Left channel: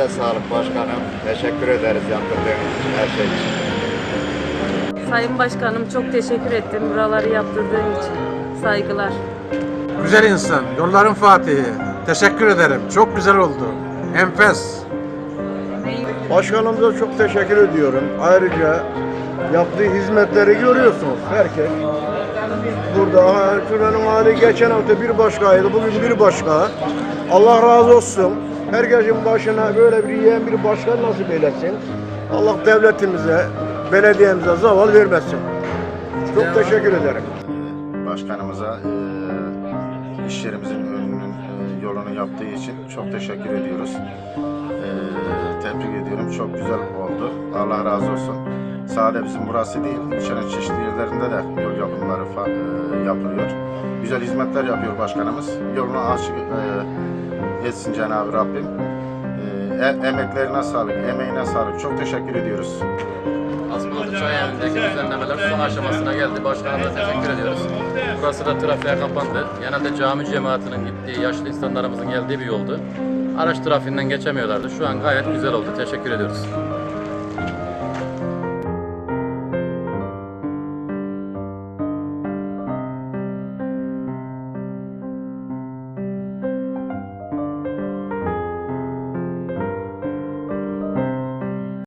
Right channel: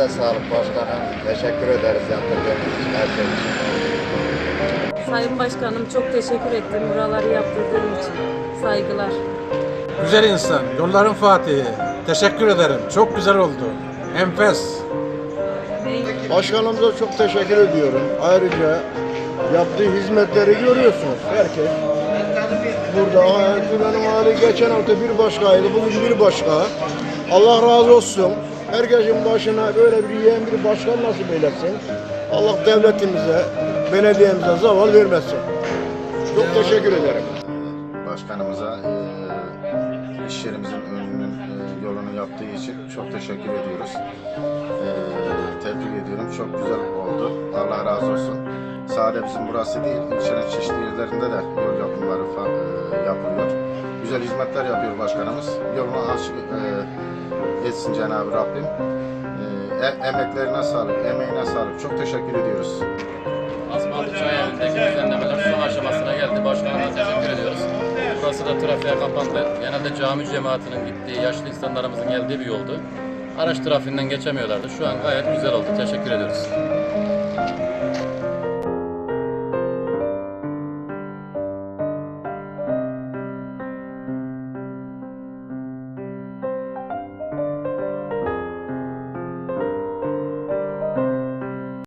Ayağınıza sağlık başkanım. Teşekkür ederiz yaptırdığınız için, her şey için. Sayın Başkanım çok teşekkür ettim buraları yaptırdığım için. Saygılar. Güzel insan, yolların Fatihi. Teşekkür ederim. Çok güzel oldu. Enfes. Başkanımıza çok teşekkür ediyorum. Ayrıca yaptığı hizmetleri görüyorsunuz herkes. Burada şuranın hali geçen hafta bir başkaydı, bugün bir başka. Allah razı olsun. Herkesin başına böyle bir yiyen bir başkan nasip eylesin. Allah devletimize, belediyemize zaval vermesin. Çok teşekkür ederim. başkanımıza e, iş yerimizin önünün e, yolunu yaptığı için çok teşekkür ediyoruz. E, tebrik ediyorum. Çok güzel oldu. Allah razı olsun. Sadece bizim burası değil, ilçenin çeşitli yerlerinde de yol yapımları e, yapılıyor. Güzel hizmetler yapıyor başkanımız. Yolunu açık e, etsin Cenab-ı Rabbim. E, e- emeklerine sağlık, emeğine sağlık. Çok teşekkür ediyoruz. Asmalı Çay düzenlemeler son aşamasına geldi. Başkanımıza teşekkür ediyoruz. Burası da trafiğe kapandı. Genelde cami cemaatinin gittiği, yaşlı insanlarımızın geldiği bir yoldu. Araç trafiğinden geçemiyorlardı. Şu an gayet güzel oldu. Teşekkür ediyoruz.